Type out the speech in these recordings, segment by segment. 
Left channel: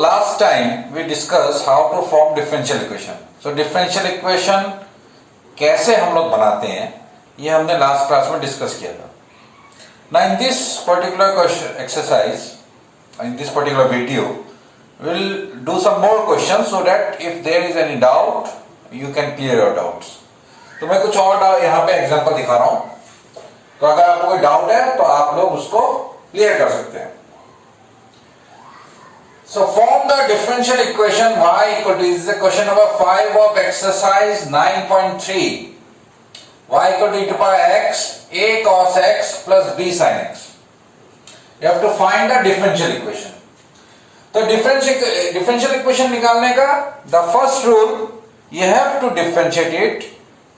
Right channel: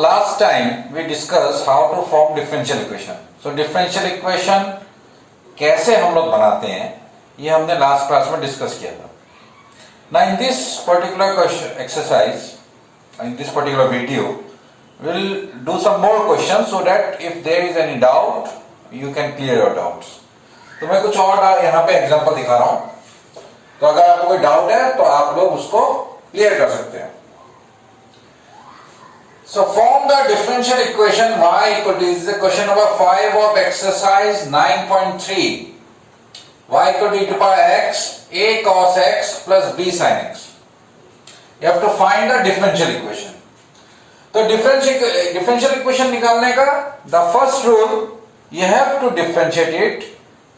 last time we discussed how to form differential equation. So differential equation कैसे हम लोग बनाते हैं ये हमने लास्ट क्लास में डिस्कस किया था. Now in this particular question exercise, in this particular video, we'll do some more questions so that if there is any doubt, you can clear your doubts. तो मैं कुछ और यहाँ पे एग्जांपल दिखा रहा हूँ. तो अगर आपको कोई डाउट है तो आप लोग उसको क्लियर कर सकते हैं. So form the differential equation y equal to, this is the question number 5 of exercise 9.3. Y equal to e to power x, a cos x plus b sin x. You have to find the differential equation. तो differential equation निकालने का the first rule, you have to differentiate it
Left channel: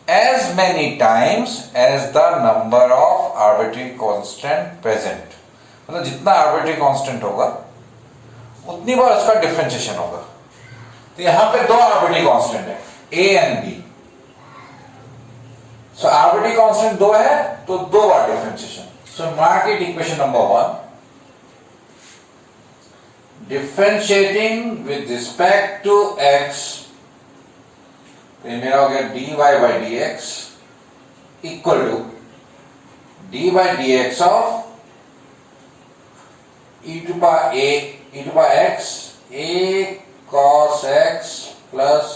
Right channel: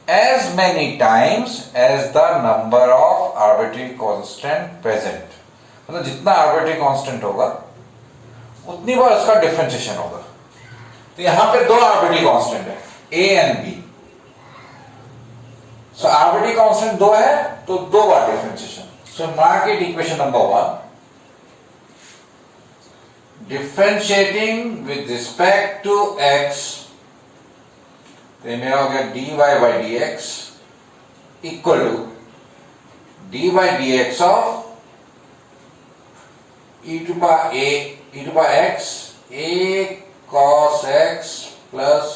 as many times as the number of arbitrary constant present. मतलब जितना arbitrary constant होगा उतनी बार उसका differentiation होगा. तो यहां पे दो आर्बिट्री कांस्टेंट है, a and b. So arbitrary constant दो है तो दो बार differentiation. So mark it equation number 1. Differentiating with respect to x, तो मेरा हो गया dy by dx equal to dy by dx of e to power x, a cos x plus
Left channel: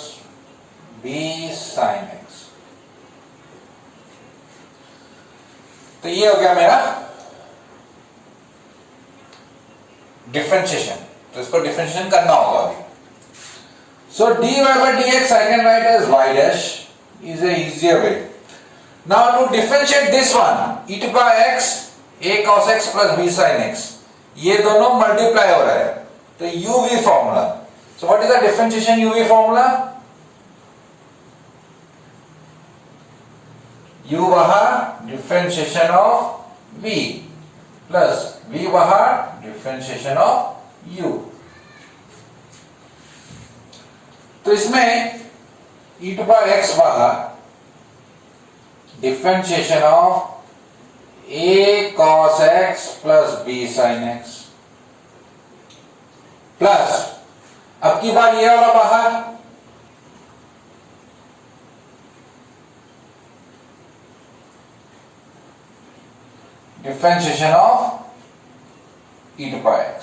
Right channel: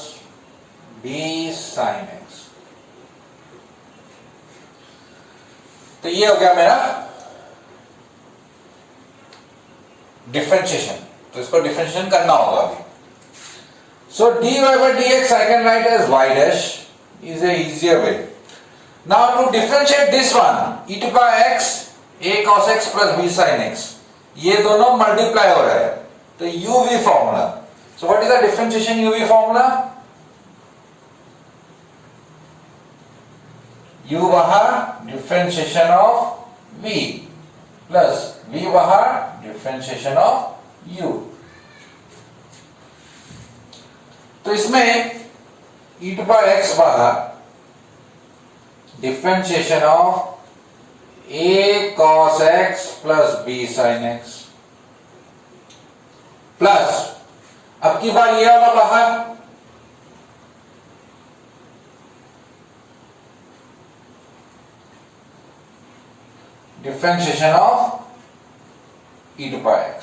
b sin x. तो ये हो गया मेरा differentiation. तो इसको डिफरेंशिएशन करना होगा अभी. सो dy by dx I can write as y dash is a easier way. Now to differentiate this one, e to power x, a cos x plus b sin x, ये दोनों multiply हो रहा है तो uv formula. So what is the differentiation uv formula? u बाहर differentiation of v plus v बाहर differentiation of u. तो इसमें e टू पावर x बाहर differentiation of a cos x plus b sin x plus अब की बार ये वाला बाहर differentiation of e to power x.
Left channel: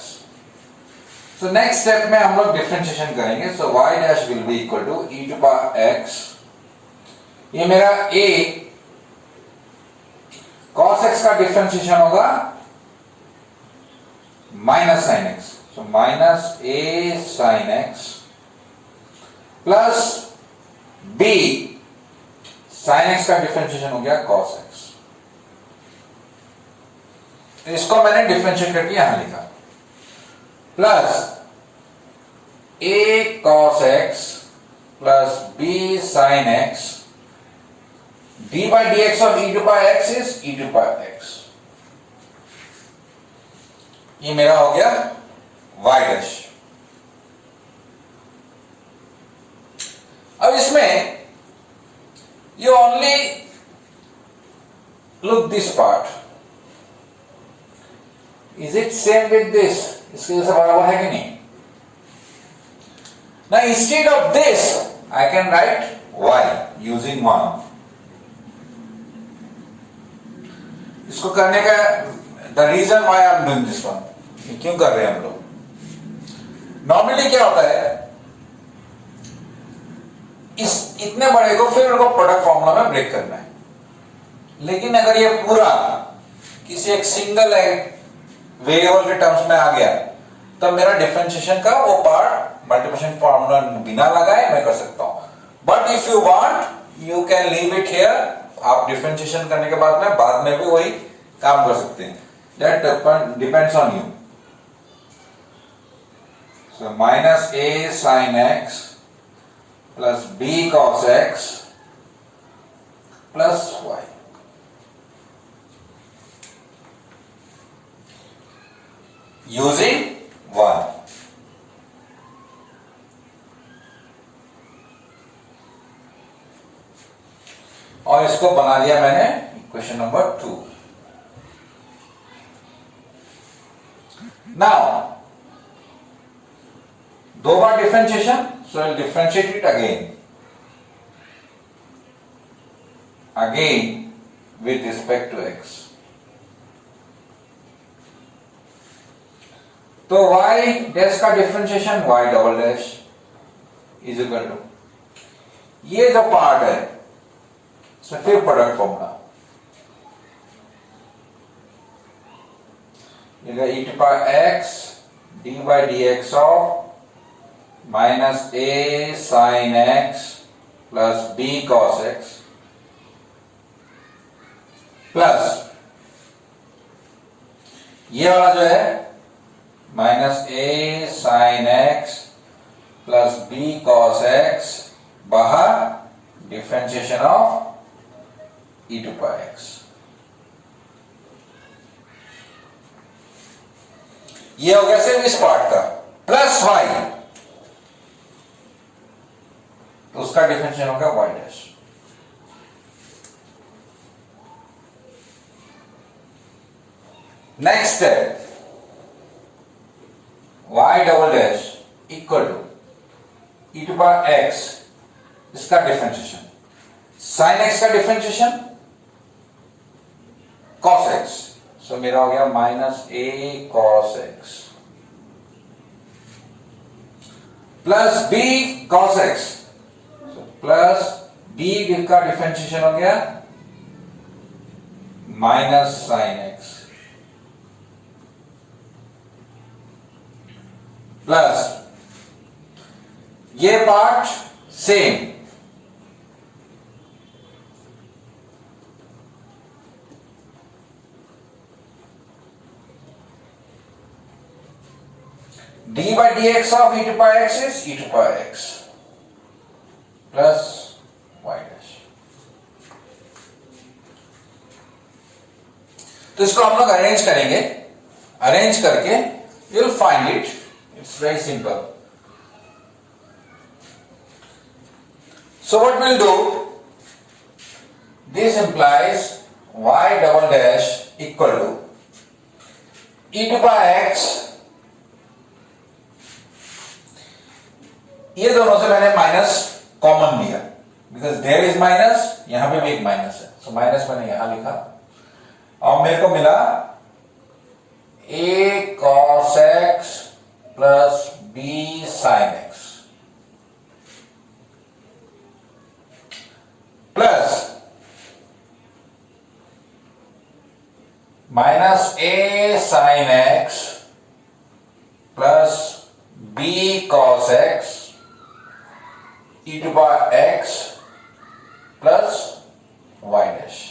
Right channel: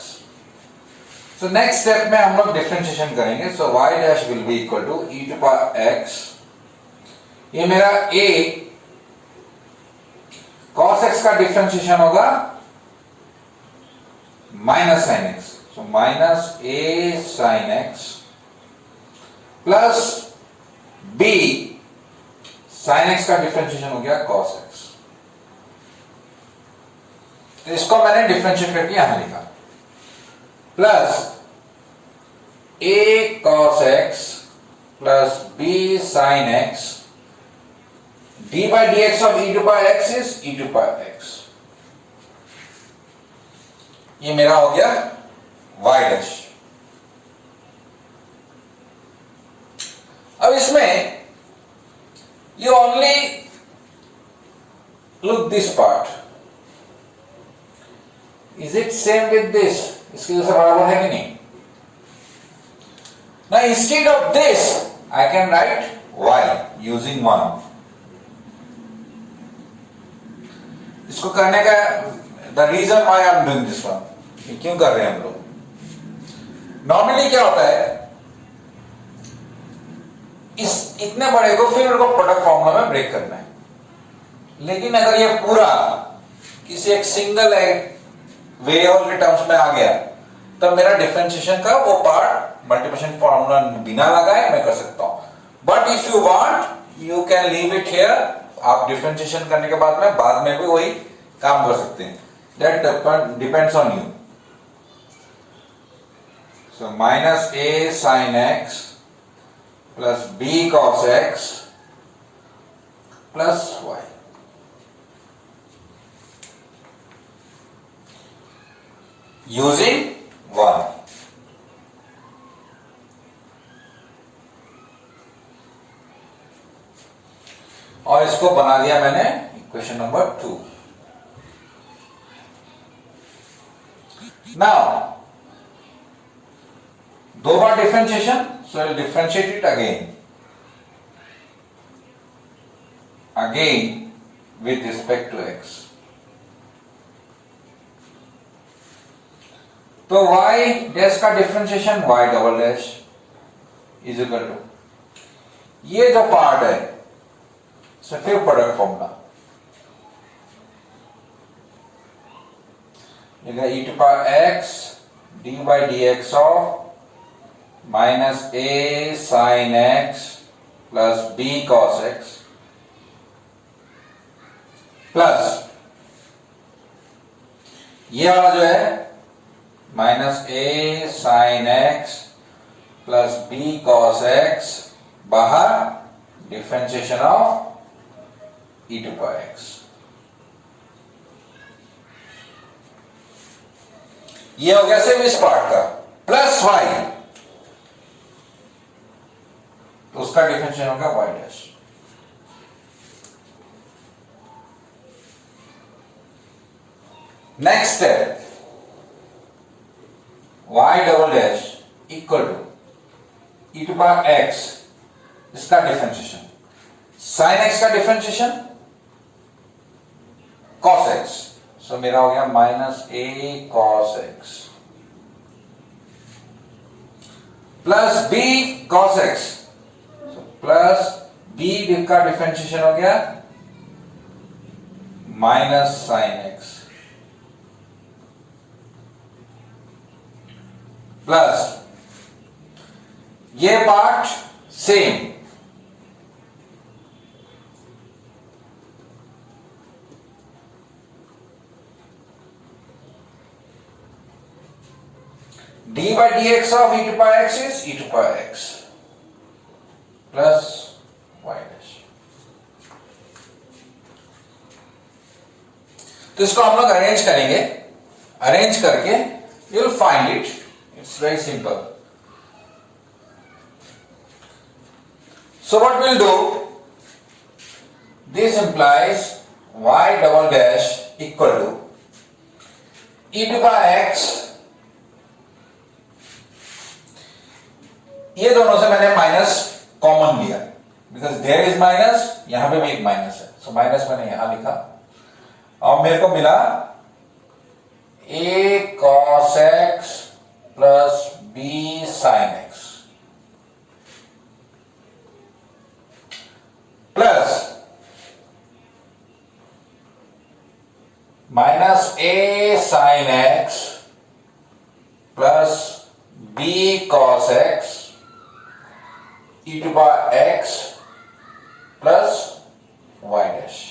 So next step में हम लोग डिफरेंशिएशन करेंगे. So y dash will be equal to e to power x. ये मेरा a cos x का डिफरेंशिएशन होगा minus sine x. So minus a sine x plus b sign x का differentiation हो गया cos x. तो इसको मैंने डिफरेंशिएट करके यहां लिखा plus a cos x plus b sine x. d by dx of e to power x is e to power x. ये मेरा हो गया y डैश. अब इसमें you only look this part. Is it same with this? इसके जैसे बराबर है कि नहीं? Now instead of this I can write y using 1. इसको करने का the reason why I am doing this one, ये क्यों कर रहे हैं हम लोग? नॉर्मली क्या होता है, इस इतने बड़े को फिर मेरे को प्रोडक्ट फॉर्मूला में ब्रेक करना है. लेकिन अगर ये पूरा किसी एक सिंगल वेरिएबल के टर्म्स में आ गया तब मेरा डिफरेंशिएशन का वो पार्ट मल्टीप्लिकेशन फॉर्मूला बिना लगाए मैं कर सकता हूं. But if you want you can leave it here. आप डिफरेंशिएशन करने के बाद में भी वही काम कर सकते हैं. That depends on you. So minus a sine x plus b cos x plus y. Using 1. और इसको बना दिया मैंने इक्वेशन नंबर 2. नाउ दो बार differentiation, so will differentiate it again with respect to x. तो y डैश का differentiation y double dash is equal to, ये जो पार्ट है फिर product formula e to power x d by dx of minus a sin x plus b cos x plus ये वाला जो है माइनस ए sine x plus B cos x, बाहर differentiation of e to power x. ये हो गया सिर्फ इस पार्ट का, प्लस वाई, तो उसका डिफरेंशिएशन होगा y dash. Next step, y double dash equal to e to power x, इसका डिफरेंशिएशन, साइन एक्स का डिफरेंशिएशन कॉस एक्स, सो मेरा हो गया minus a cos x plus B cos x, plus b का differentiation हो गया minus sine x plus ये part same, d by d x of e to power x is e to power x plus Y dash. तो इसको हम लोग arrange करेंगे, arrange करके you will find it. It's very simple. So what we'll do, this implies y double dash equal to e to power x, ये दोनों से मैंने माइनस कॉमन लिया, बिकॉज देयर इज माइनस, यहां पे भी एक माइनस है, सो माइनस मैंने यहां लिखा और मेरे को मिला a cos x plus B sine x plus minus A sine x plus B cos X E to power x plus Y dash.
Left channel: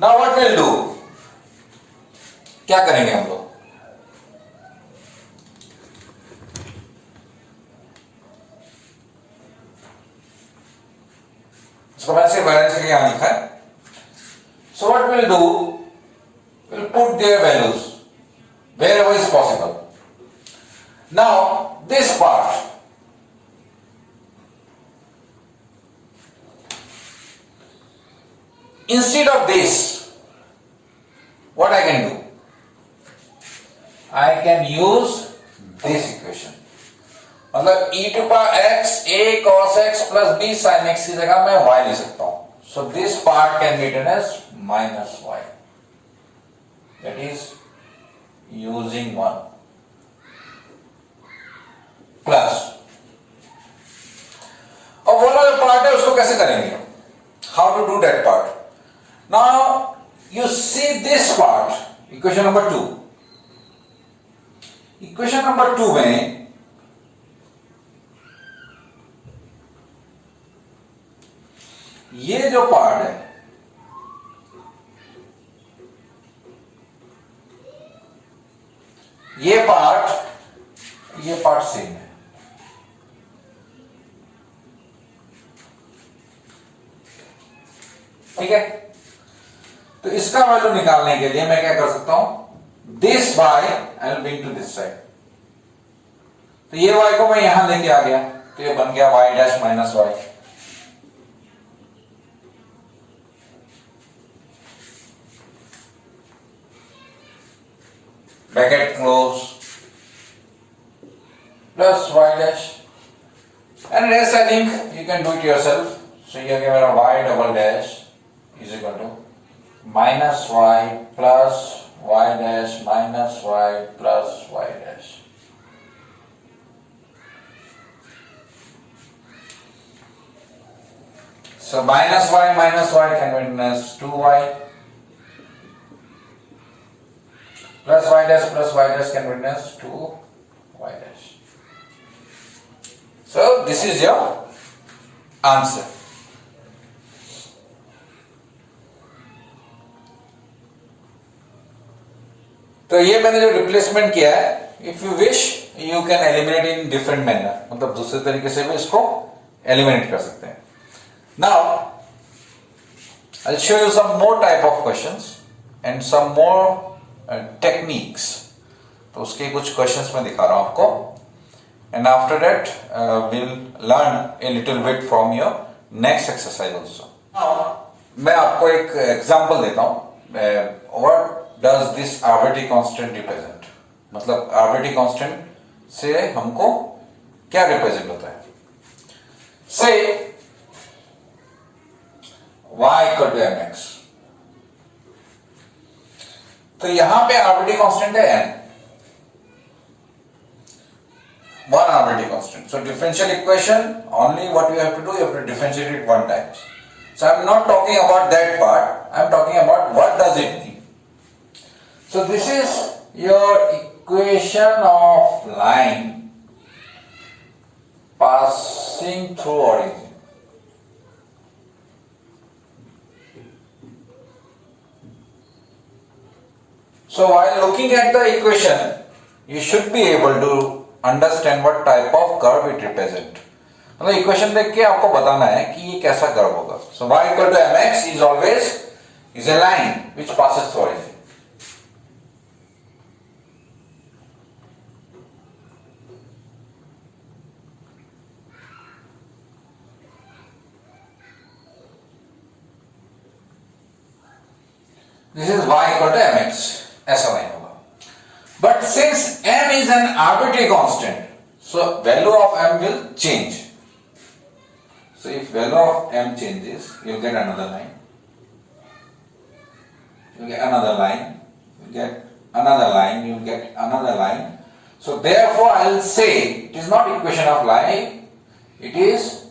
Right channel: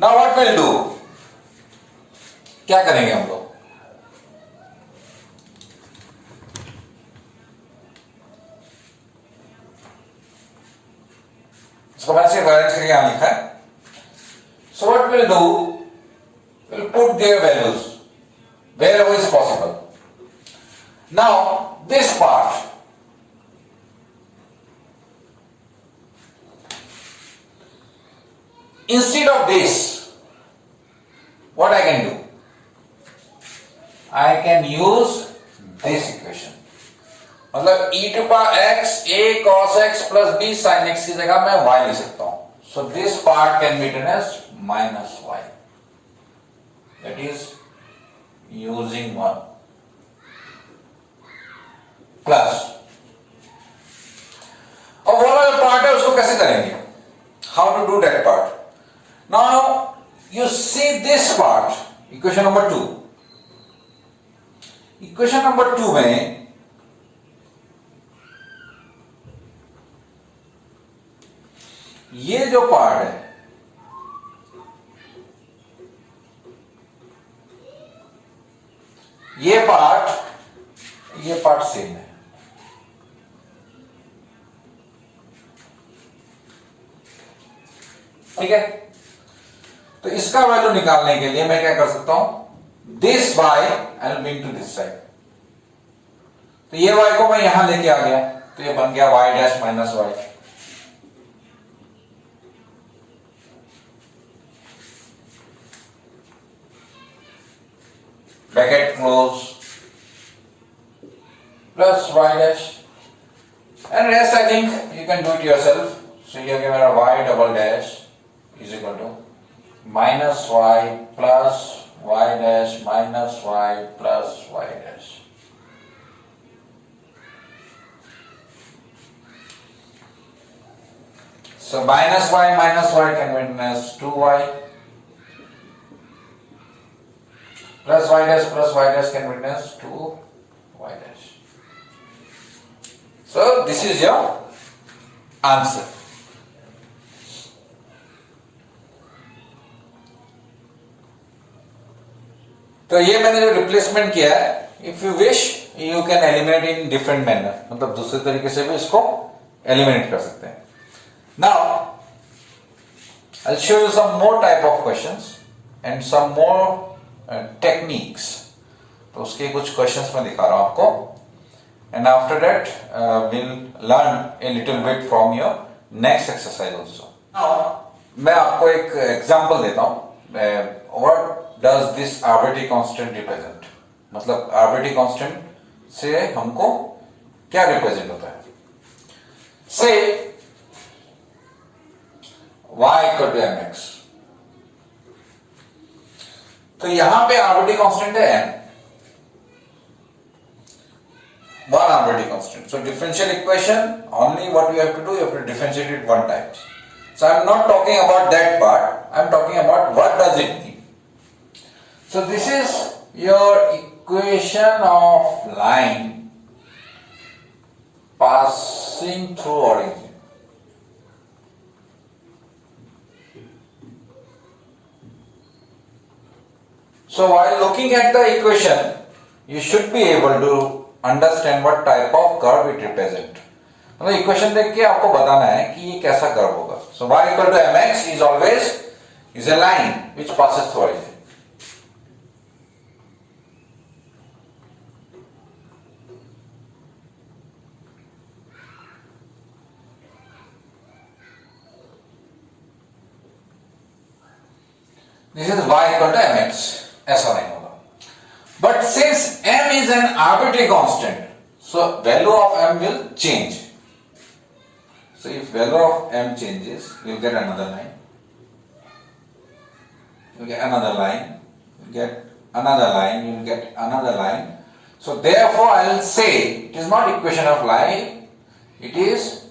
Now what will do, क्या करेंगे हम लोग, इसको मैंने सिर्फ अरेंज करके यहां लिखा है। So what will do, will put there values wherever is possible. Now this part, instead of this, what I can do, I can use this equation, मतलब e to power x a cos x plus b sin x की जगह मैं y ले सकता हूं. So this part can be written as minus y. That is using 1 plus. अब वो वाला पार्ट है उसको कैसे करेंगे? How to do that part? Now you see this part, equation number 2. Equation number 2 में ये जो पार्ट है ये पार्ट सेम है. ठीक है, तो इसका वैल्यू निकालने के लिए मैं क्या कर सकता हूं, this by and bring to this side. तो ये y को मैं यहां लेके आ गया तो ये बन गया y dash minus Y. Bracket close. can do it yourself. So you give a y double dash is equal to minus y plus y dash minus y plus y dash. So minus y can be written as 2y plus y dash can be written as 2y dash. So this is your answer. तो ये मैंने जो replacement किया है, if you wish you can eliminate in different manner, मतलब दूसरे तरीके से भी इसको एलिमिनेट कर सकते हैं. Now I will show you some more type of questions and some more techniques. तो उसके कुछ क्वेश्चंस मैं दिखा रहा हूं आपको, and after that will learn a little bit from your next exercise also. Now मैं आपको एक एग्जाम्पल देता हूं. What does this arbitrary constant represent? मतलब arbitrary constant से हमको क्या रिप्रेजेंट होता है? Say y equal to mx. तो यहां पे arbitrary constant है n, one arbitrary constant. So differential equation, only what you have to do, you have to differentiate it one time. So I am not talking about that part, I am talking about what does it mean. So this is your equation of line passing through origin. So while looking at the equation, you should be able to understand what type of curve it represents. मतलब equation देख के आपको बताना है कि ये कैसा curve होगा. So y equal to mx is always a line which passes through origin. This is y equal to mx, ऐसा नहीं होगा. But since m is an arbitrary constant, so value of m will change. So if value of m changes, you get another line. You get another line. You get another line. You get another line. So therefore, I will say it is not equation of line. It is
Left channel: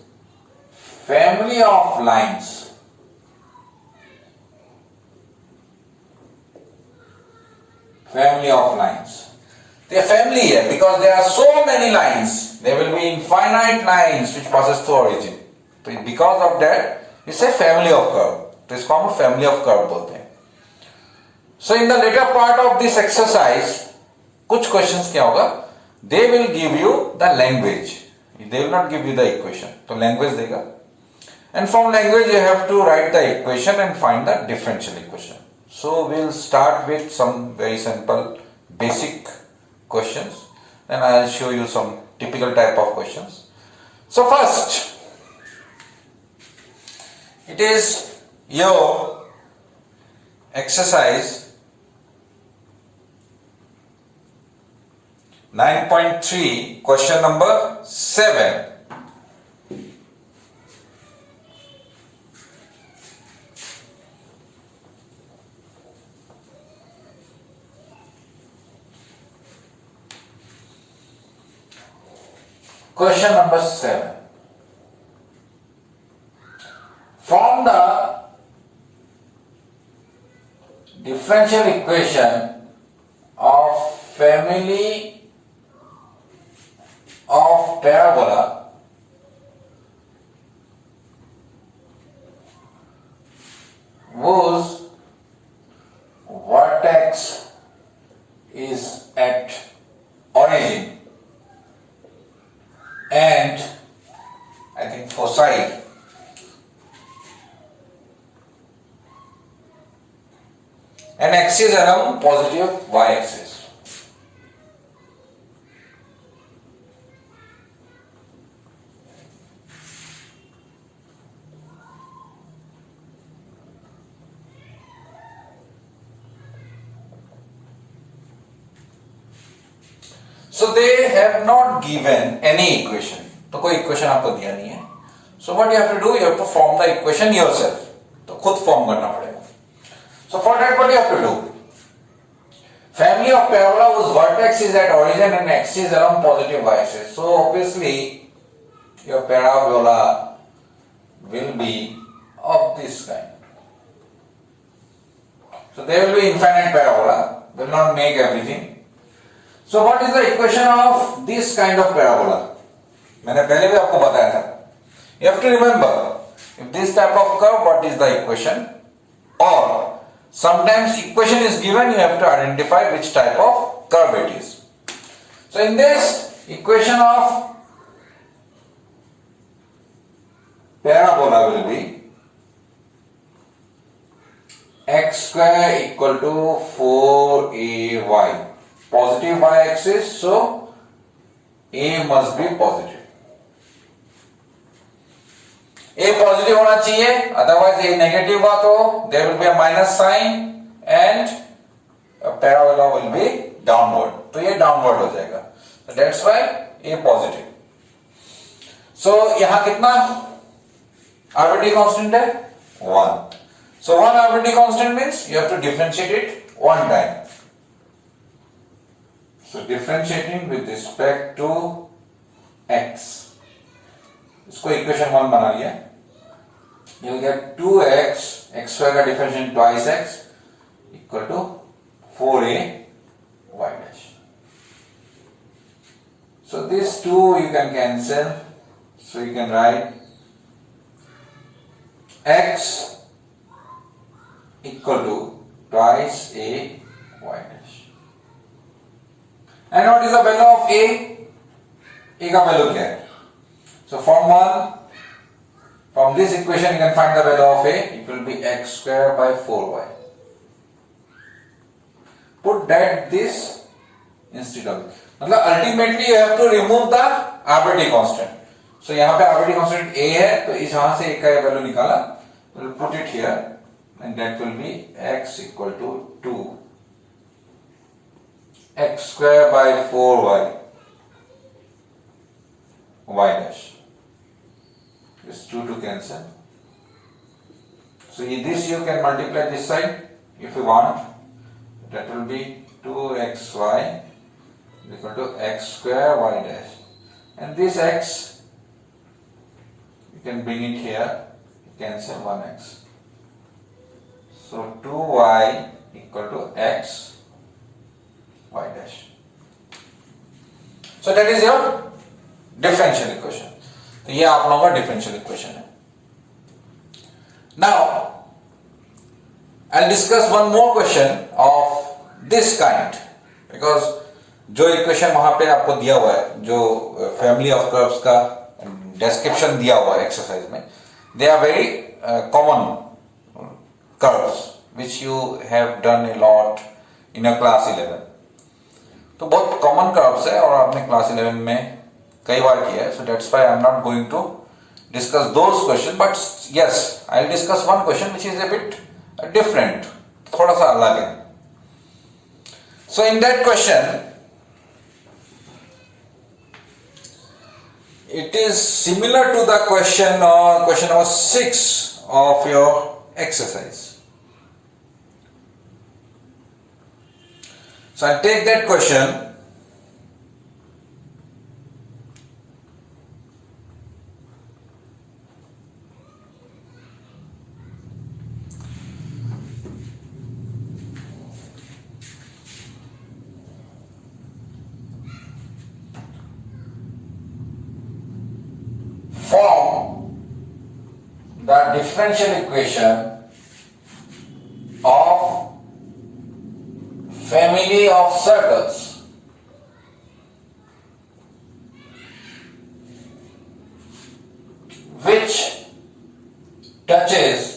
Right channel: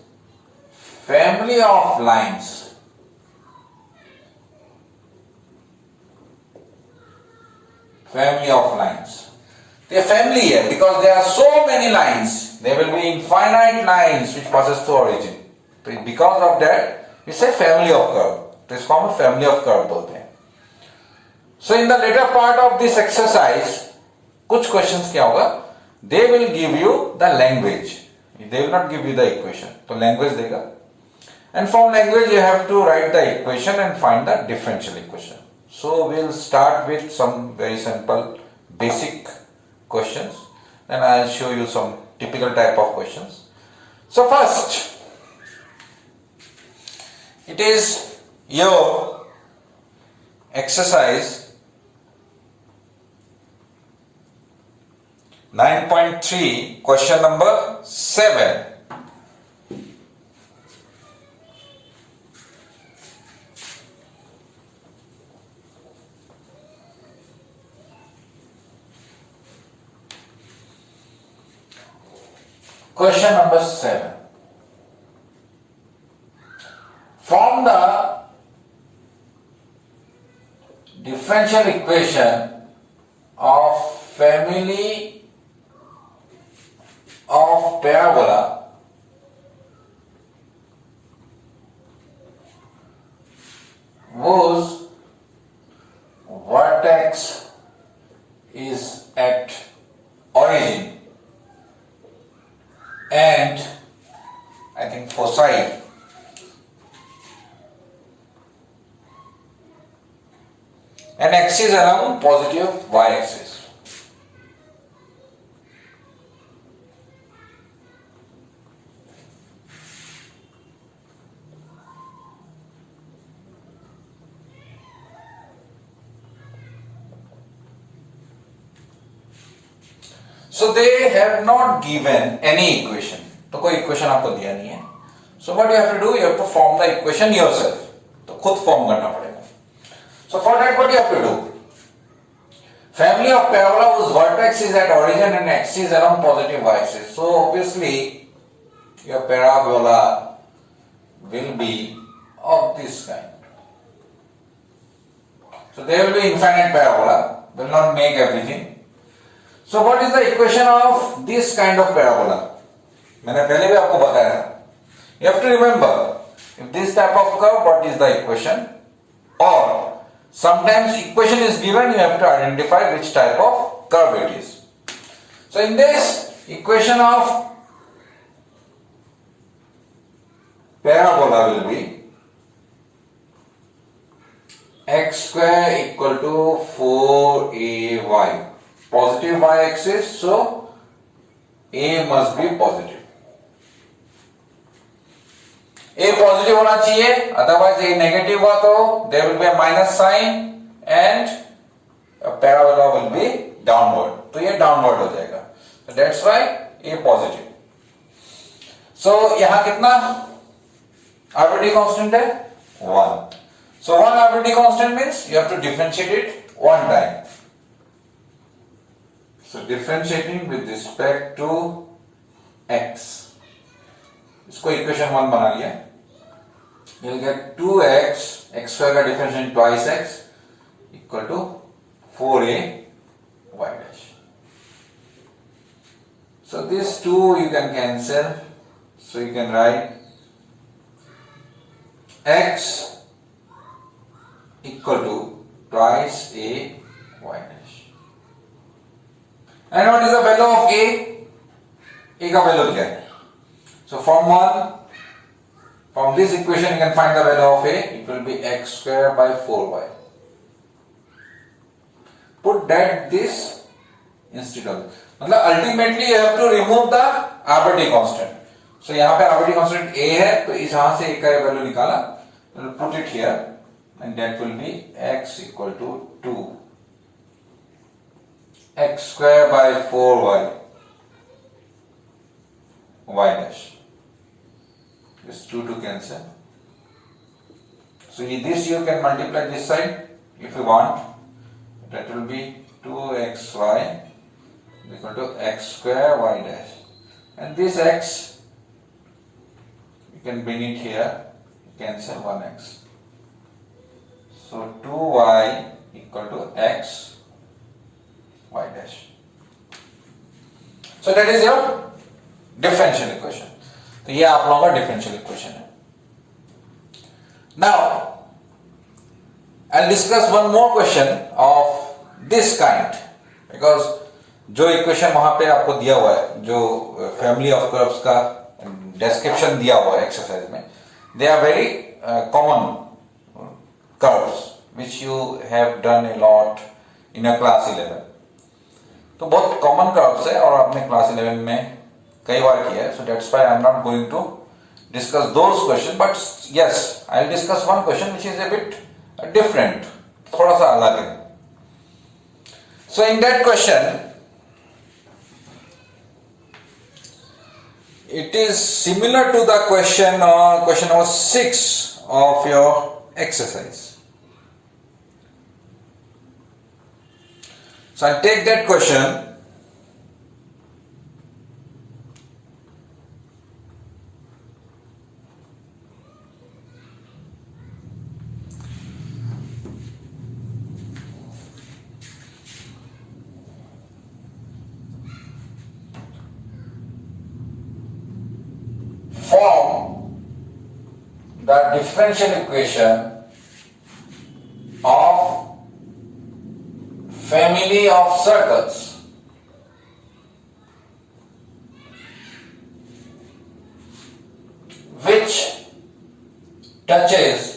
family of lines. Family of lines. They are family here because there are so many lines. There will be infinite lines which passes through origin. So because of that, we say family of curve. तो इसको हम family of curve बोलते हैं. So in the later part of this exercise, कुछ questions क्या होगा? They will give you the language. They will not give you the equation. तो language देगा. And from language you have to write the equation and find the differential equation. So we'll start with some very simple basic questions, then I'll show you some typical type of questions. So first, it is your exercise 9.3, question number 7. Question number 7. From the differential equation of family of parabola, whose vertex is at origin and I think foci and axis around positive y-axis. So they have not given any equation. तो कोई equation आपको दिया नहीं है. So what you have to do? You have to form the equation yourself. तो खुद form करना पड़ेगा. So for that, what you have to do? Family of parabola whose vertex is at origin and axis along positive y-axis. So obviously, your parabola will be of this kind. So there will be infinite parabola. Will not make everything. So what is the equation of this kind of parabola? मैंने पहले भी आपको बताया था. You have to remember, if this type of curve, what is the equation? Or sometimes equation is given, you have to identify which type of curve it is. So in this equation of parabola will be x square equal to 4ay. Positive y-axis, so a must be positive. A positive होना चाहिए, otherwise A negative हुआ तो there will be a minus sign and a parabola will be downward. तो ये downward हो जाएगा. So that's why A positive. So यहाँ कितना arbitrary constant है? 1. So one arbitrary constant means you have to differentiate it one time. So differentiating with respect to x. इसको equation 1 बना लिया. You will get 2x, x square का differentiation twice x equal to 4a y dash. So these two you can cancel. So you can write x equal to twice a y dash. And what is the value of a? A का value क्या है? So from this equation you can find the value of a. It will be x square by 4y. Put that this instead of this. मतलब ultimately you have to remove the arbitrary constant. So यहाँ पे arbitrary constant a है, तो इस यहाँ से a का value निकाला. We'll put it here, and that will be x equal to 2. X square by 4y. Y dash. This 2 to cancel. So this you can multiply this side if you want. That will be 2xy equal to x square y dash. And this x, you can bring it here, cancel 1x. So 2y equal to x y dash. So that is your differential equation. तो ये आप लोगों का differential equation है. Now I will discuss one more question of this kind, because जो equation वहां पे आपको दिया हुआ है, जो फैमिली ऑफ कर्व्स का डिस्क्रिप्शन दिया हुआ है एक्सरसाइज में, they are very common curves which you have done a lot in your class 11. तो बहुत कॉमन कर्व्स है और आपने क्लास 11 में कई बार किया है. So that's why I am not going to discuss those question, but yes I will discuss one question which is a bit different, थोड़ा सा अलग है. So in that question it is similar to the question number 6 of your exercise. So I take that question. Form the differential equation of family of circles which touches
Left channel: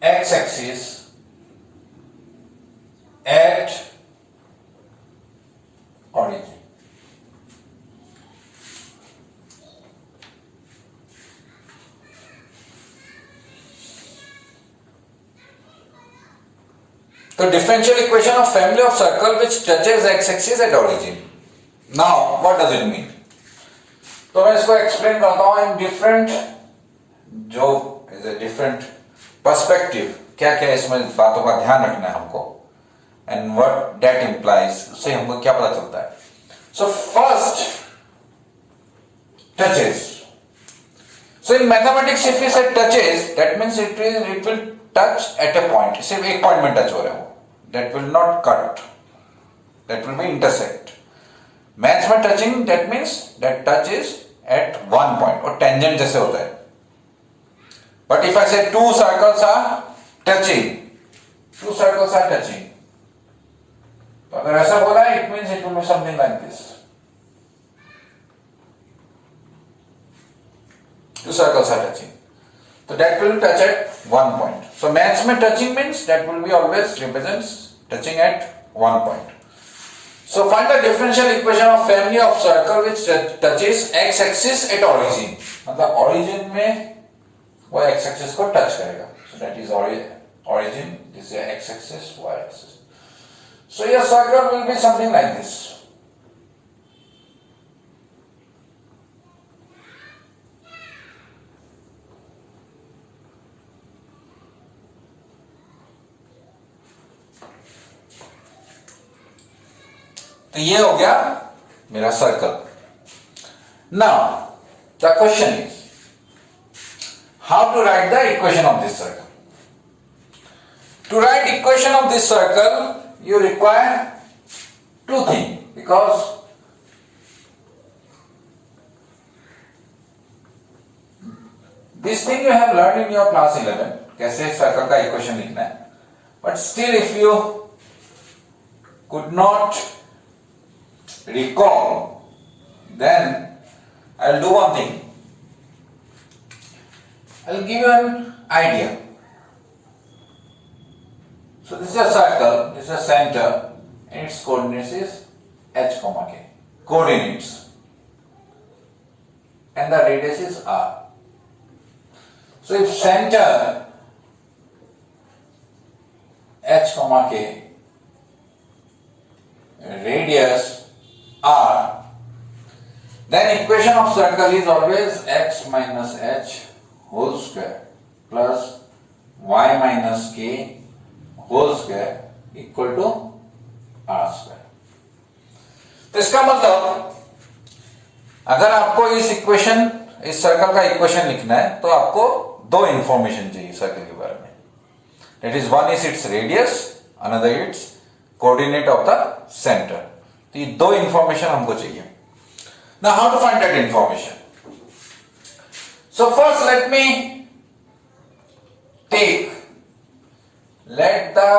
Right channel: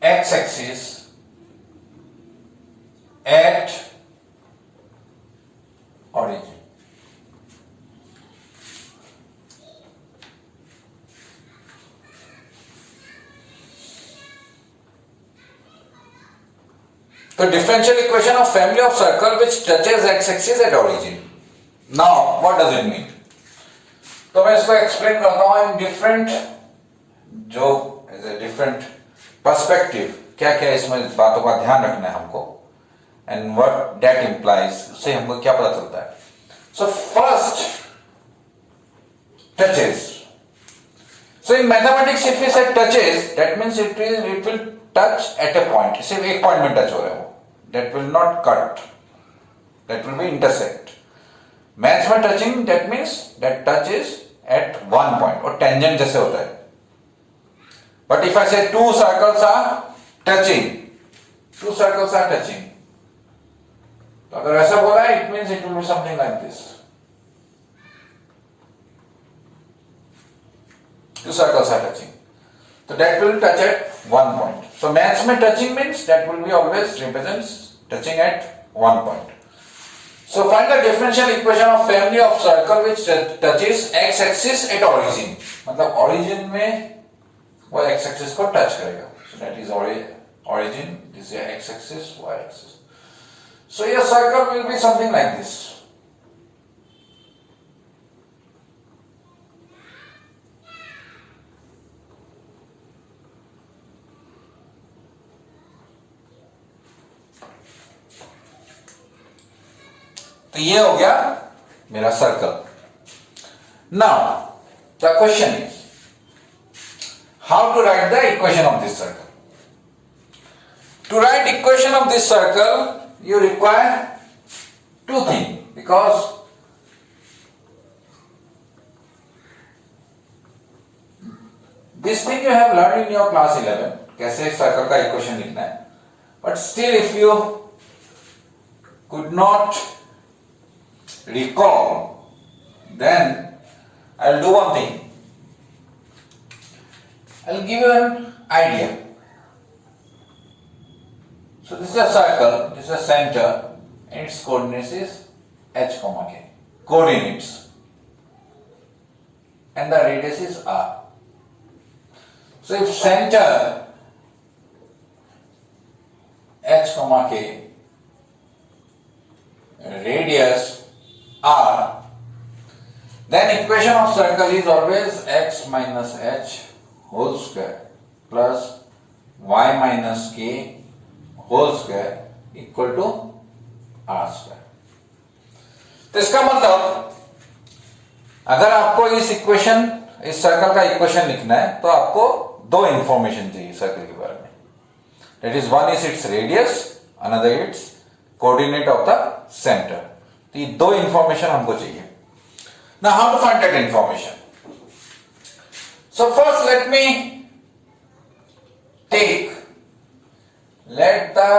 x-axis at origin. The differential equation of family of circle which touches x-axis at origin. Now, what does it mean? तो मैं इसको explain करता हूं in different, जो is a different perspective, क्या क्या इसमें बातों का ध्यान रखना है हमको, एंड व्हाट दैट इंप्लाइज, उससे हमको क्या पता चलता है. So first, touches. So in mathematics if we say touches, that means it will touch at a point. सिर्फ एक पॉइंट में टच हो रहा है वो. That will not cut. That will be intersect. Maths में touching, that means that touch is at one point, और tangent जैसे होता है. But if I say two circles are touching, two circles are touching, तो अगर ऐसा बोला it means it will be something like this. Two circles are touching, so that will touch at one point. So maths में touching means that will be always represents touching at one point. So find the differential equation of family of circle which touches x-axis at origin. मतलब origin में वो x-axis को touch करेगा. So that is origin. This is x-axis, y-axis. So your circle will be something like this. तो ये हो गया मेरा circle. Now the question is how to write the equation of this circle. To write equation of this circle you require to thing, because this thing you have learn in your class 11 कैसे circle का equation लिखना है. But still if you could not recall, then I'll do one thing. I'll give you an idea. So this is a circle, this is a center, and its coordinates is h comma k. Coordinates. And the radius is r. So if center h comma k, radius r, then equation of circle is always x minus h whole square plus y minus k whole square equal to r square. तो इसका मतलब अगर आपको इस circle का equation लिखना है तो आपको दो इंफॉर्मेशन चाहिए सर्कल के बारे में. That is one is its radius, another its coordinate of the center. तो ये दो इंफॉर्मेशन हमको चाहिए. Now how to find that information. So first let me take, let the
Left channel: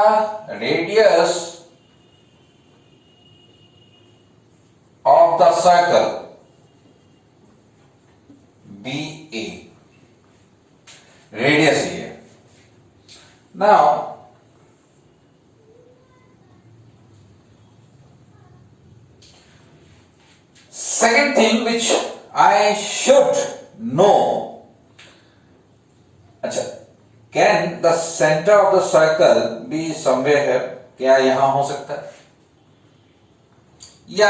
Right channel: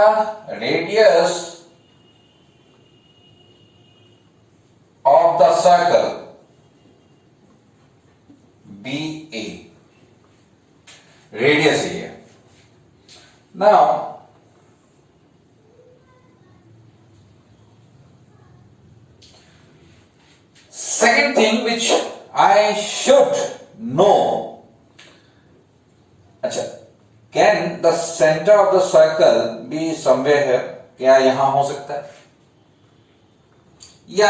radius of the circle be A. Radius here. Now second thing which I should know, अच्छा, can the center of the circle be somewhere here? क्या यहां हो सकता है? या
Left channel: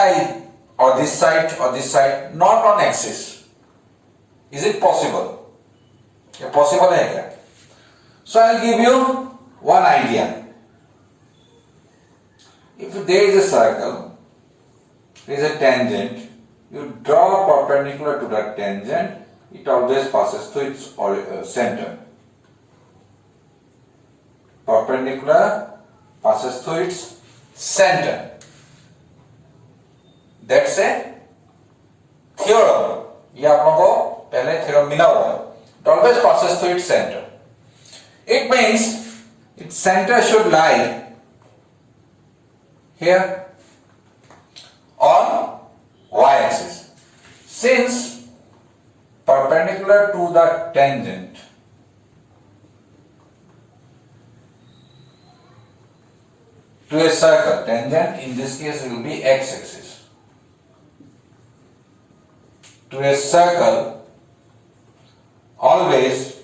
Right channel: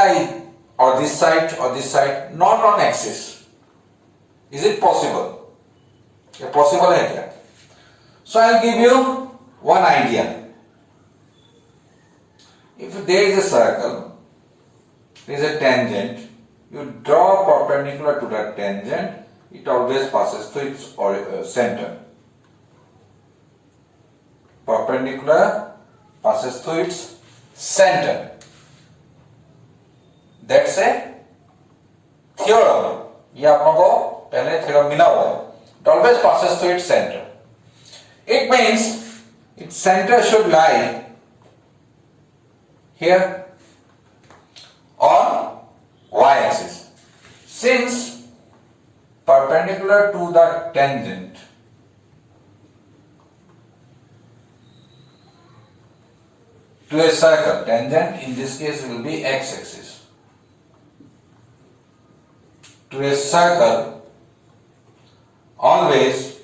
or this side, not on axis. Is it possible? क्या possible है क्या? So I'll give you one idea. If there is a circle, there is a tangent, you draw perpendicular to that tangent, it always passes through its center. Perpendicular passes through its center. That's a theorem. ये आप लोगों को पहले theorem मिला हुआ है. It always passes through its center. It means its center should lie here on y-axis. Since perpendicular to the tangent to a circle, tangent in this case will be x-axis, to a circle always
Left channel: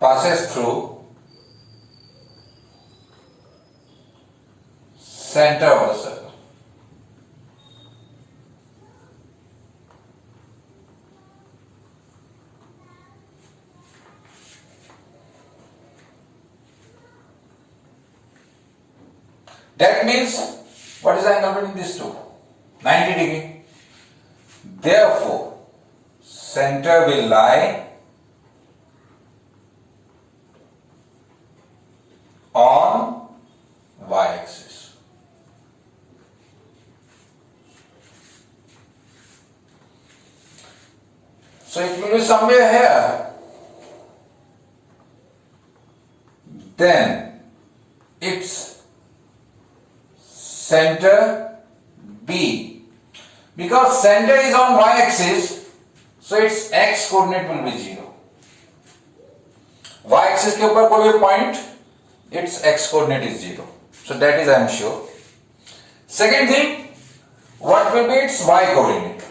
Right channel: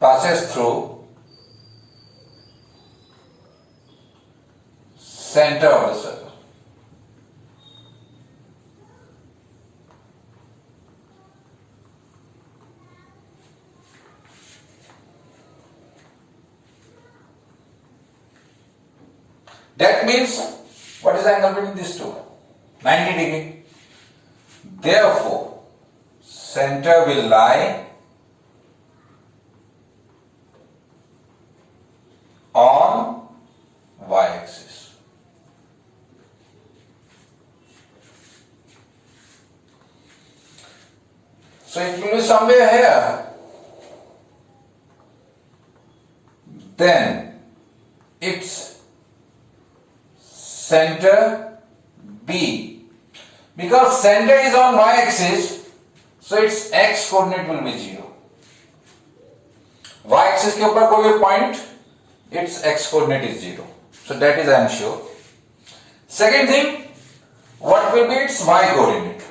passes through That means, what is the angle between these two? 90 degree. Therefore, center will lie on y-axis. So it will be somewhere here. Then its center B, because center is on y-axis, so its x coordinate will be 0. Y-axis के ऊपर कोई भी point, its x coordinate is 0. So that is I am sure. Second thing, what will be its y coordinate?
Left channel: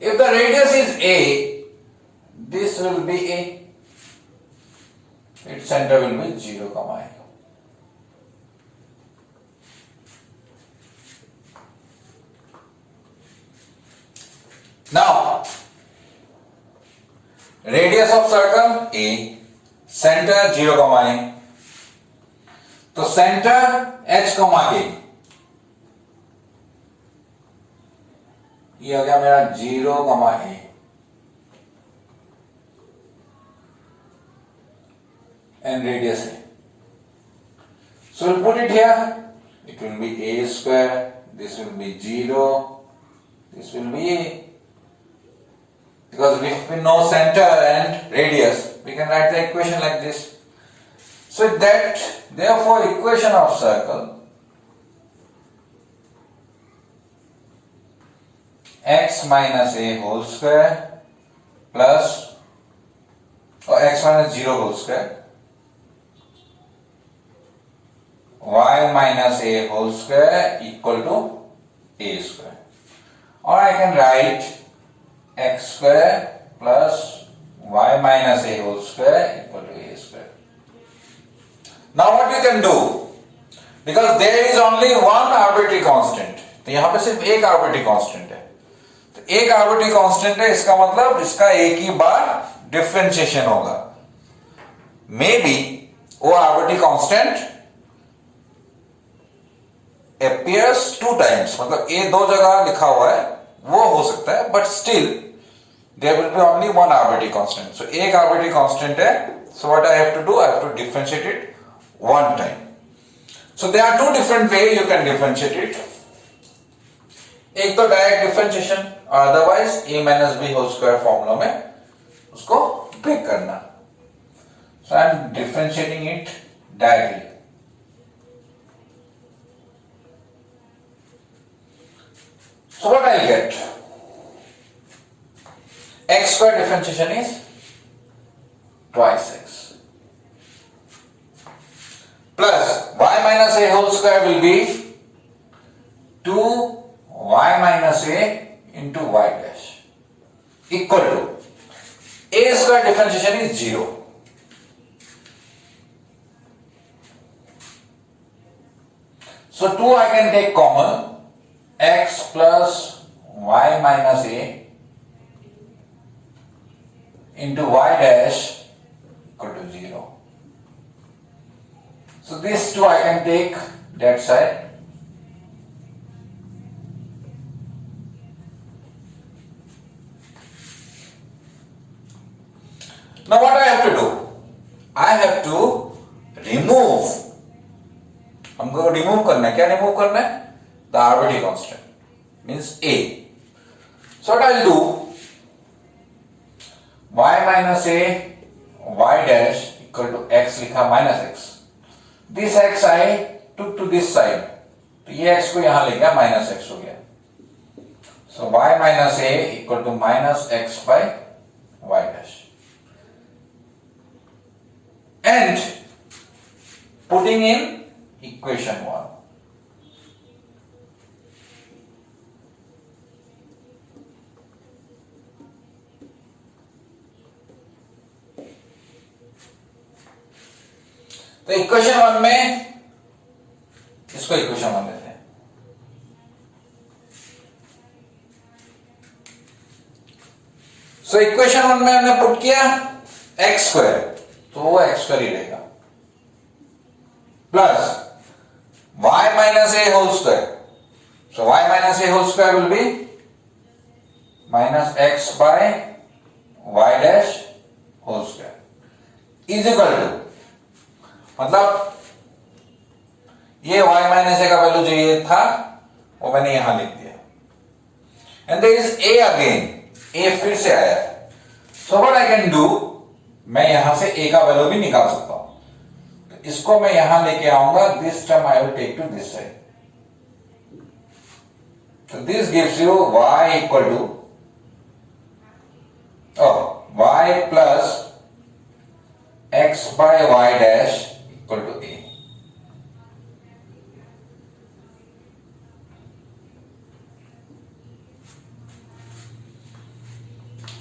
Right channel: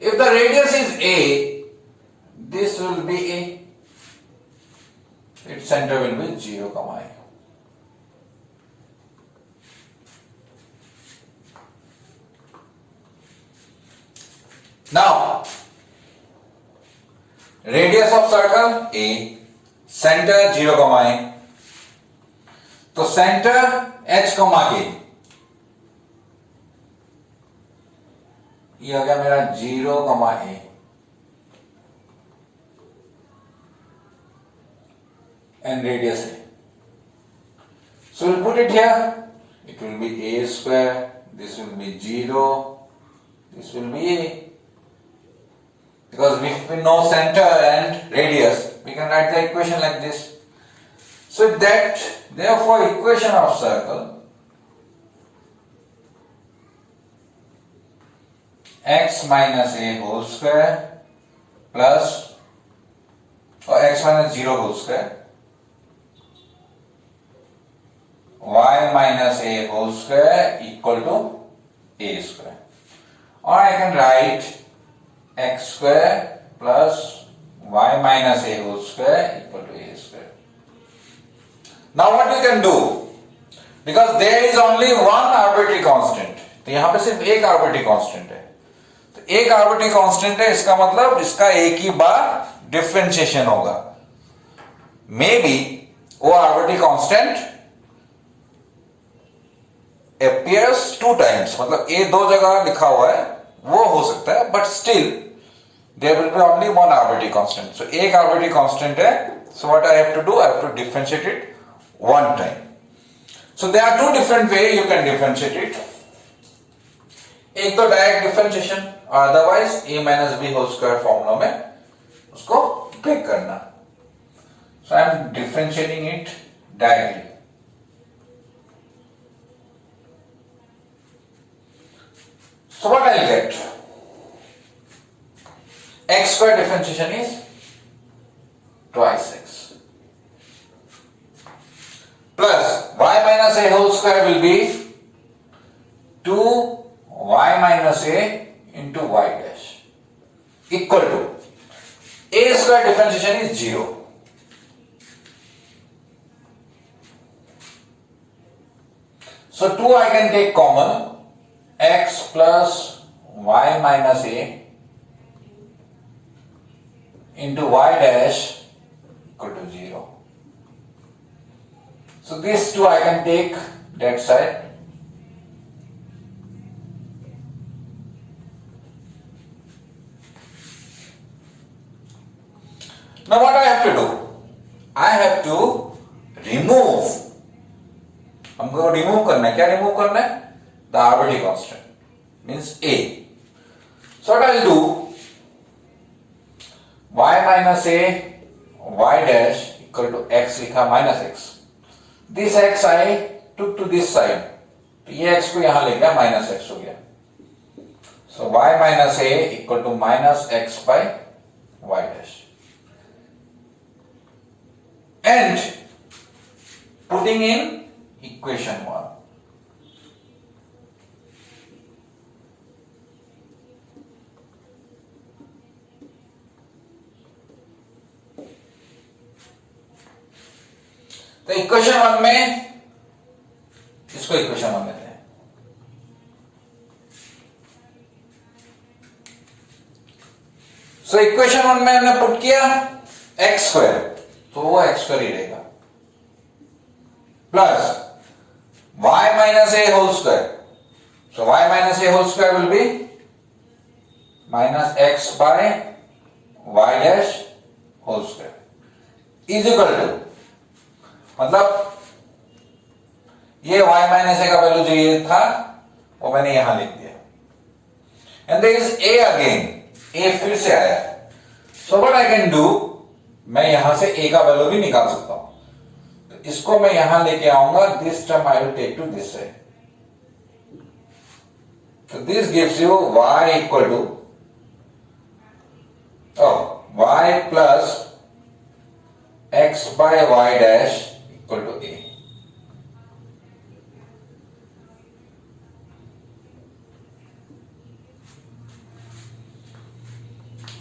If the radius is a, this will be a. Its center will be 0, a. Now, radius of circle a, center 0, a. तो center h, k. ये हो गया मेरा 0, a. And radius a. So we'll put it here. It will be a square. This will be 0. This will be a. Because if we know center and radius, we can write the equation like this. So that, therefore, equation of circle x minus a whole square plus, or x minus 0 whole square, y minus a whole square equal to a square. Or I can write x square plus y minus a whole square equal to a square. Now what we can do? Because there is only one arbitrary constant. तो यहाँ पे सिर्फ एक arbitrary constant है. तो एक arbitrary constant है, इसका मतलब इसका एक ही बार differentiation होगा. Maybe वो arbitrary constant appears 2 times. मतलब a 2 जगह लिखा हुआ है, वो हो सकता है, but still there will be only one arbitrary constant. So एक arbitrary constant है. So what I have to do? I have to differentiate it one time. So there are 2 different ways you can differentiate it. एक तो direct differentiation, और otherwise a minus b whole square formula में उसको break करना. So I am differentiating it directly. So what I'll get? X square differentiation is twice x. Plus y minus a whole square will be 2y minus a into y dash equal to a square differentiation is 0. So 2 I can take common, x plus y minus a into y dash equal to 0. So these 2 I can take that side. Now what I have to do? I have to remove. हमको remove करना है. क्या remove करना है? The arbitrary constant means a. So what I'll do? Y minus a y dash equal to x लिखा minus x. This x I took to this side. तो ये x को यहां ले गया, minus x हो गया. So y minus a equal to minus x by y dash. And putting in equation 1. तो इक्वेशन 1 में इसको इक्वेशन 1 देते हैं. सो इक्वेशन 1 में हमने पुट किया एक्स स्क्वायर, तो वो एक्स स्क्वायर ही रहेगा, plus y minus a whole square. So y minus a whole square will be minus x by y dash whole square is equal to, मतलब ये y minus ए का value जो ये था वो मैंने यहां लिख दिया, and there is a again, a फिर से आया है. So what I can do, मैं यहां से a का वैल्यू भी निकाल सकता हूं. तो इसको मैं यहां लेके आऊंगा, this term I will take to this side. So this gives you y equal to y plus x by y dash equal to a.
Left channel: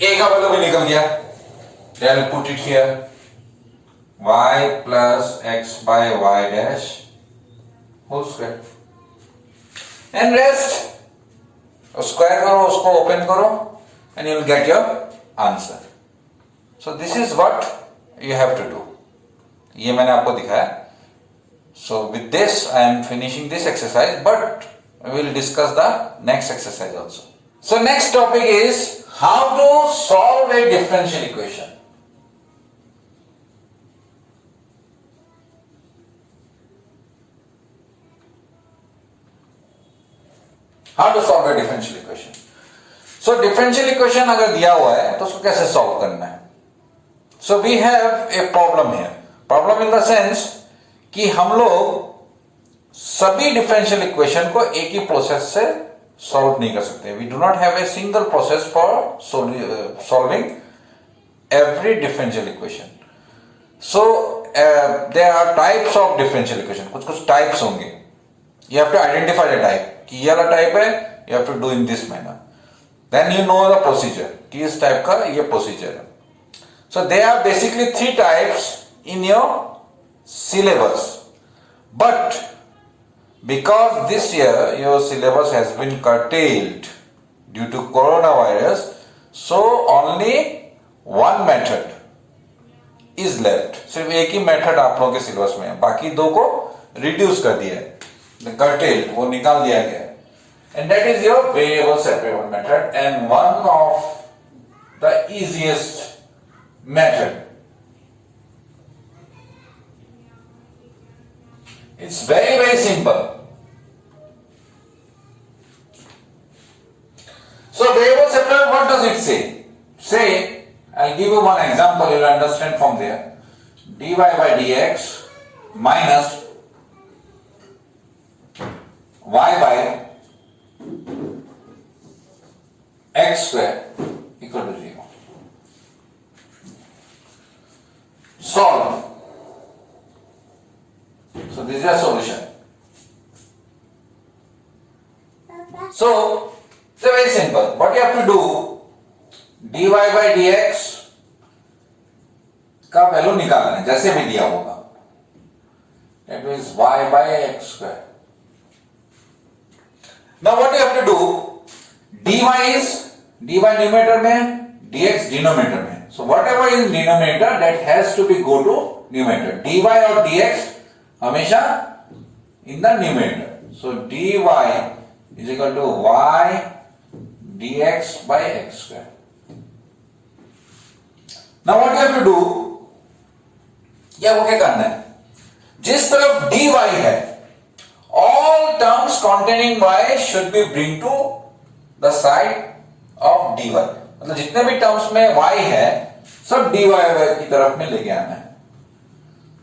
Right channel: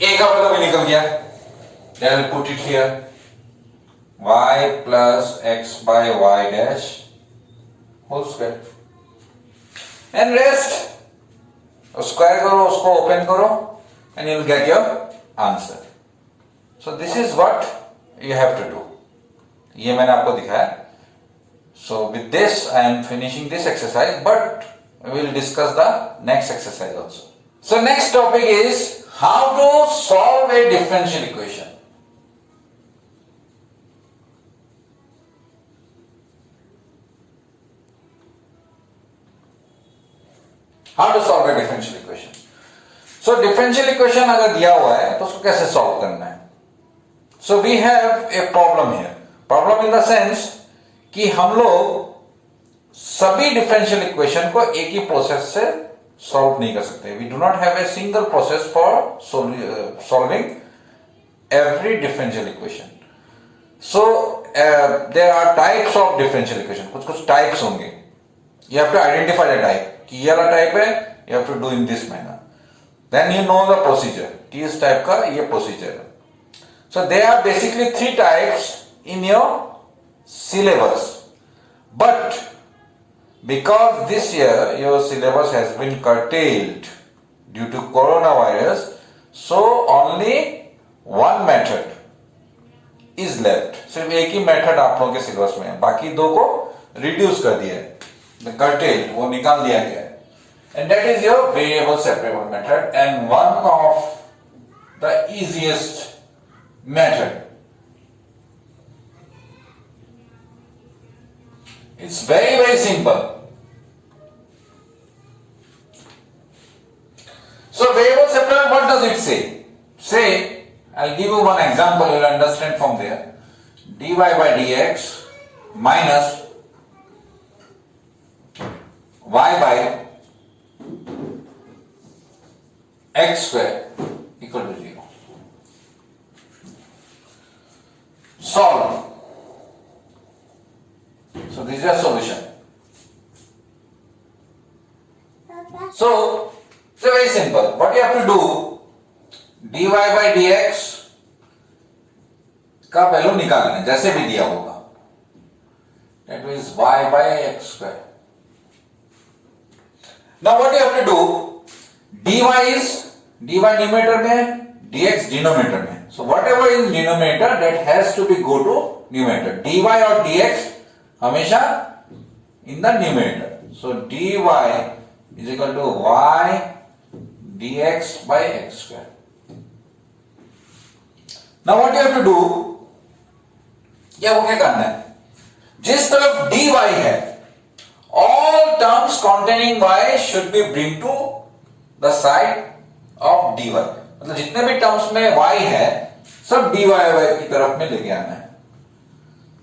A का वैल्यू भी निकल गया. Then we'll put it here. Y plus x by y dash whole square. And rest. Square करो, उसको open करो, and you will get your answer. So this is what you have to do. ये मैंने आपको दिखाया. So with this I am finishing this exercise, but we will discuss the next exercise also. So next topic is how to solve a differential equation. How to solve a differential equation? So differential equation अगर दिया हुआ है तो उसको कैसे solve करना है? So we have a problem here. Problem in the sense कि हम लोग सभी differential equation को एक ही प्रोसेस से solve नहीं कर सकते. We do not have a single process for solving every differential equation. So there are types of differential equation. कुछ types होंगे. You have to identify the type. कि ये वाला टाइप है, you have to do in this manner. Then you know the procedure. कि इस type का ये procedure है. So there are basically 3 types in your syllabus. But because this year your syllabus has been curtailed due to coronavirus, so only one method is left. सिर्फ एक ही method आप लोगों के सिलेबस में है, बाकी 2 को रिड्यूस कर दिया है. The curtailed वो निकाल दिया गया, and that is your variable separable method, and one of the easiest method. It's very simple. So variable separable, what does it say? Say, I'll give you one example, you'll understand from there. dy by dx minus y by x square equal to 0. Solve. So this is a solution. So it's very simple. What you have to do, dy by dx का value निकालना है जैसे भी दिया होगा. That means y by x square. Now what you have to do, dy is dy numerator में, dx denominator में. So whatever is denominator that has to be go to numerator. dy और dx हमेशा in the numerator. So dy is equal to y dx by x square. Now what you have to do, क्या वो क्या करना है, जिस तरफ dy है all terms containing y should be bring to the side of dy. मतलब जितने भी टर्म्स में y है सब dy की तरफ में लेके आना है.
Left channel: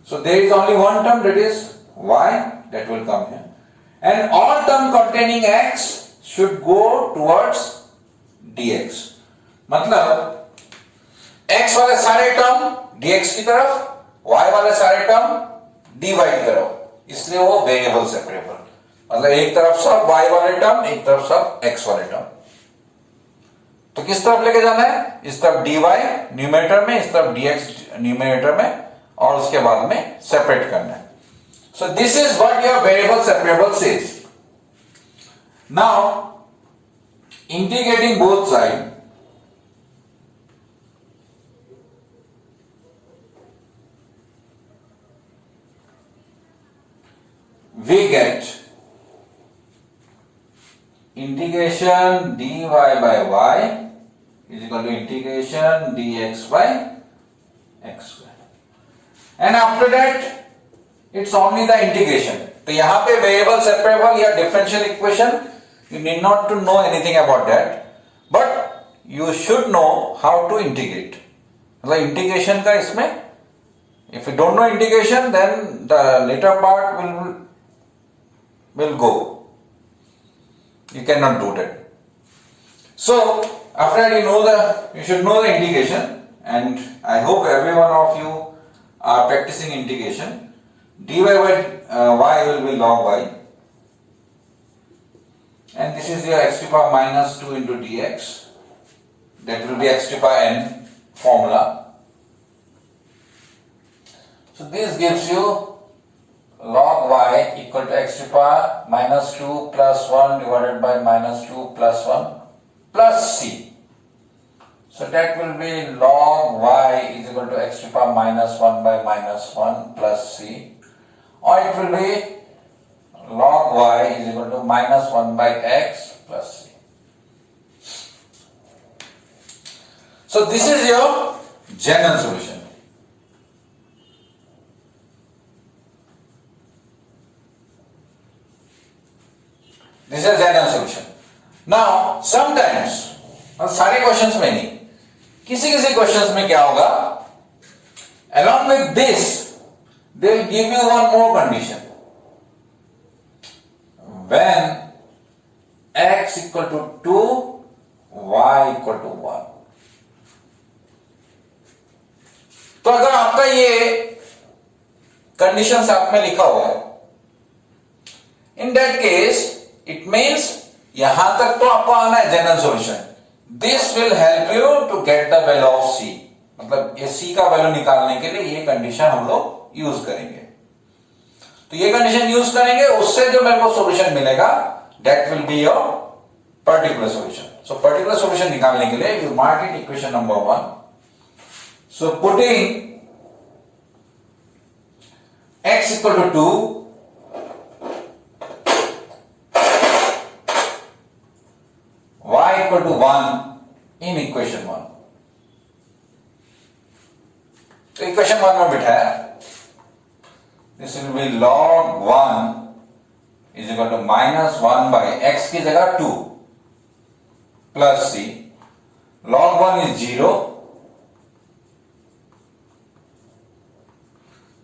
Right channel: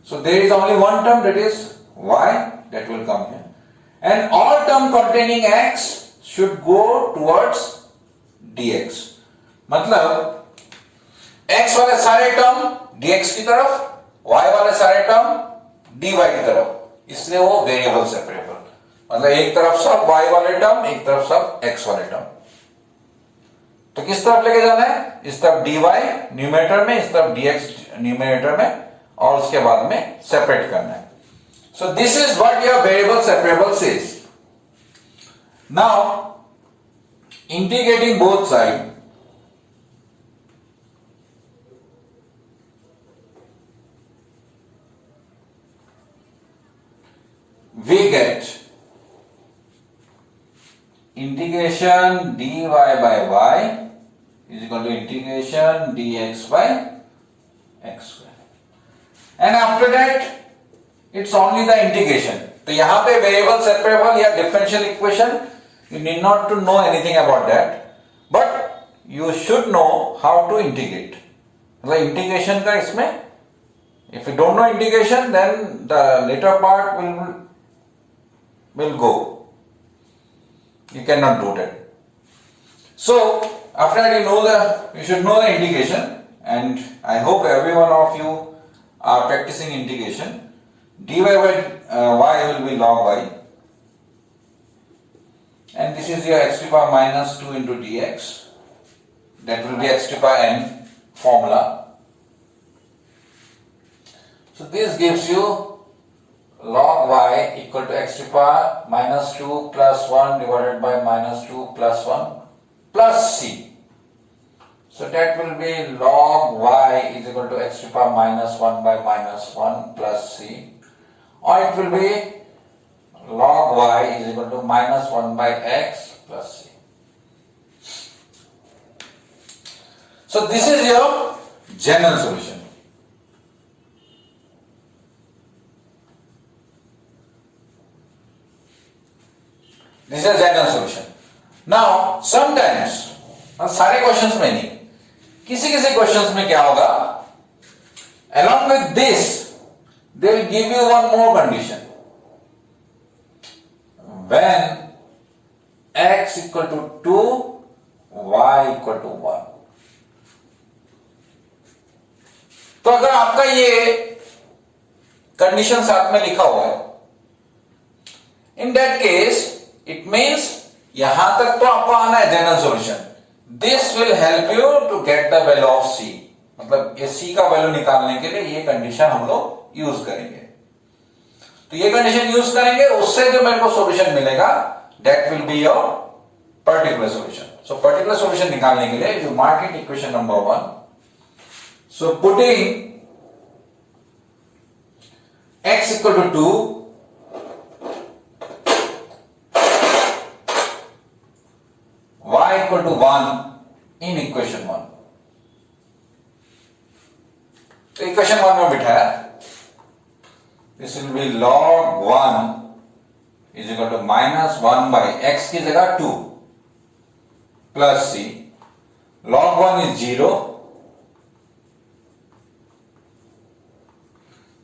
So there is only one term, that is y, that will come here, and all term containing x should go towards dx. मतलब x वाले सारे टर्म dx की तरफ, y वाले सारे टर्म dy की तरफ, इसलिए वो वेरिएबल सेपरेबल. मतलब एक तरफ सब y वाले टर्म, एक तरफ सब x वाले टर्म. तो किस तरफ लेके जाना है, इस तरफ dy न्यूमरेटर में, इस तरफ dx न्यूमरेटर में, और उसके बाद में सेपरेट करना है. So this is what your variable separable says. Now integrating both side, we get integration dy by y is equal to integration dx by x square. And after that, it's only the integration. तो यहाँ पे variable separable या differential equation, you need not to know anything about that, but you should know how to integrate. मतलब integration का इसमें, if you don't know integration, then the later part will go. You cannot do that. So after that, you should know the integration, and I hope every one of you are practicing integration. dy by y will be log y, and this is your x to the power minus 2 into dx. That will be x to the power n formula. So this gives you log y equal to x to the power minus 2 plus 1 divided by minus 2 plus 1 plus c. So that will be log y is equal to x to the power minus 1 by minus 1 plus c, or it will be log y is equal to minus 1 by x plus c. So this is your general solution. This is a general solution. Now sometimes, और सारे questions में नहीं, किसी किसी questions में क्या होगा, along with this they will give you one more condition. When x equal to 2, y equal to 1. तो अगर आपका ये कंडीशन साथ में लिखा हुआ है, in that case it means यहां तक तो आपको आना है general solution. This will help you to get the value of C. मतलब ये सी का वैल्यू निकालने के लिए ये कंडीशन हम लोग यूज करेंगे. तो ये कंडीशन यूज करेंगे, उससे जो मेरे को सॉल्यूशन मिलेगा that will be your particular solution. So particular solution निकालने के लिए you mark it equation number 1. So putting x equal to 2, y equal to 1 in equation 1. तो इक्वेशन 1 में बिठाया, this will be log 1 is equal to minus 1 by x की जगह 2 plus c. log 1 is 0.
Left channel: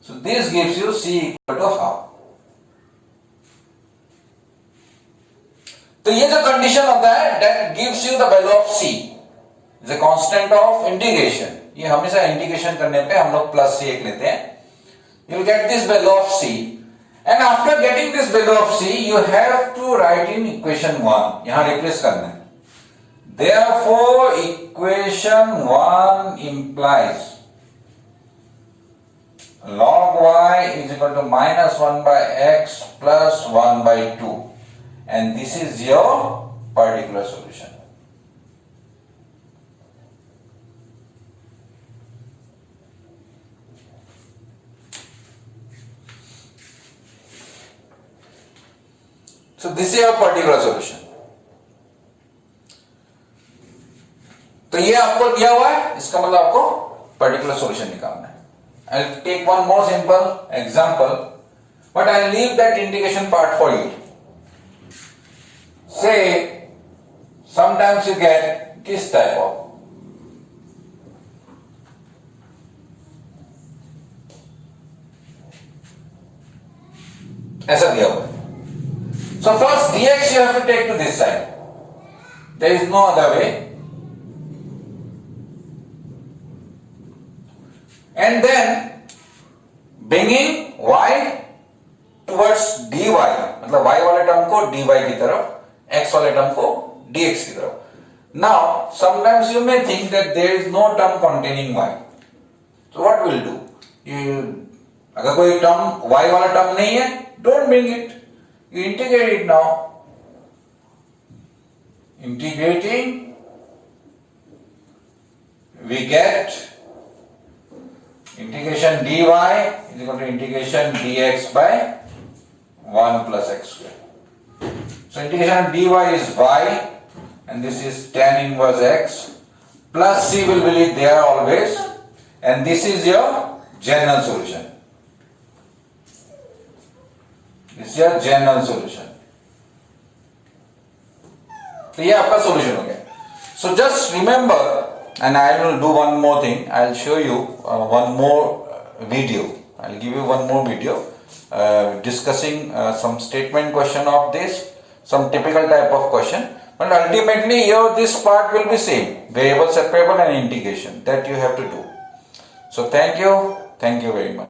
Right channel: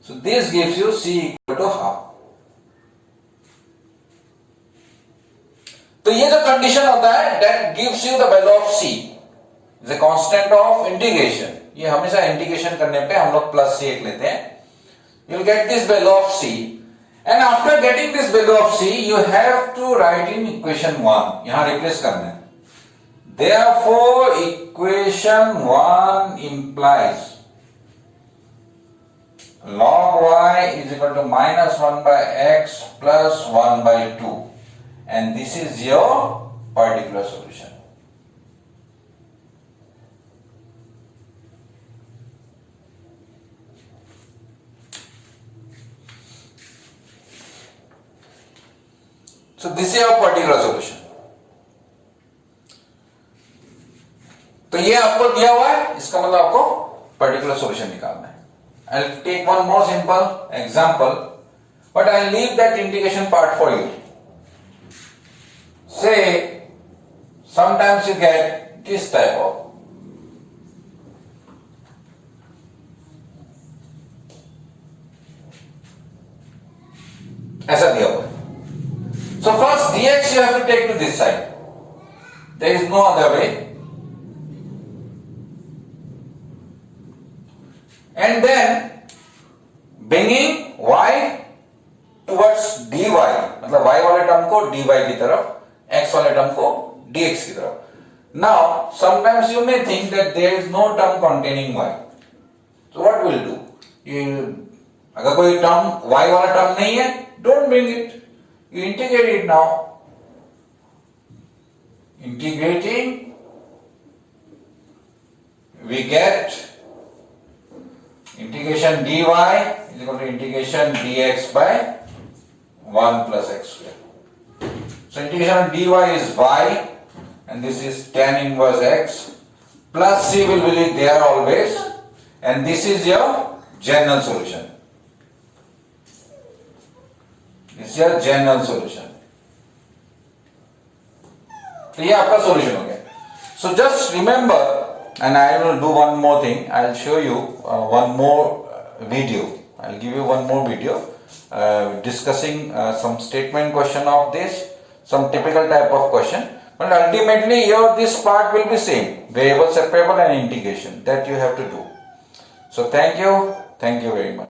So this gives you c equal to half. तो ये जो condition होता है that gives you the value of c, the constant of integration. ये हमेशा integration करने पे हम लोग प्लस c एक लेते हैं. You will get this value of c, and after getting this value of c you have to write in equation 1. यहां रिप्लेस करना है. Therefore equation 1 implies log y is equal to minus 1 by x plus 1 by 2. And this is your particular solution. So this is your particular solution. तो ये आपको दिया हुआ है, इसका मतलब आपको particular solution निकालना है. I'll take one more simple example, but I'll leave that integration part for you. Say, sometimes you get this type of ऐसा दिया हुआ है. So first dx you have to take to this side. There is no other way. And then bringing y towards dy, मतलब y वाले term को dy की तरफ, x वाले टर्म को dx की तरफ. Now sometimes you may think that there is no term containing y. So what will do? अगर कोई टर्म y वाला टर्म नहीं है, don't bring it. You integrate it now. Integrating, we get integration dy is equal to integration dx by 1 plus x square. So integration of dy is y, and this is tan inverse x, plus c will be there always, and this is your general solution. This is your general solution. तो ये आपका solution हो गया. So just remember, and I will do one more thing. I'll show you one more video. I'll give you one more video discussing some statement question of this, some typical type of question. But ultimately, this part will be same: variable separable and integration that you have to do. So thank you very much.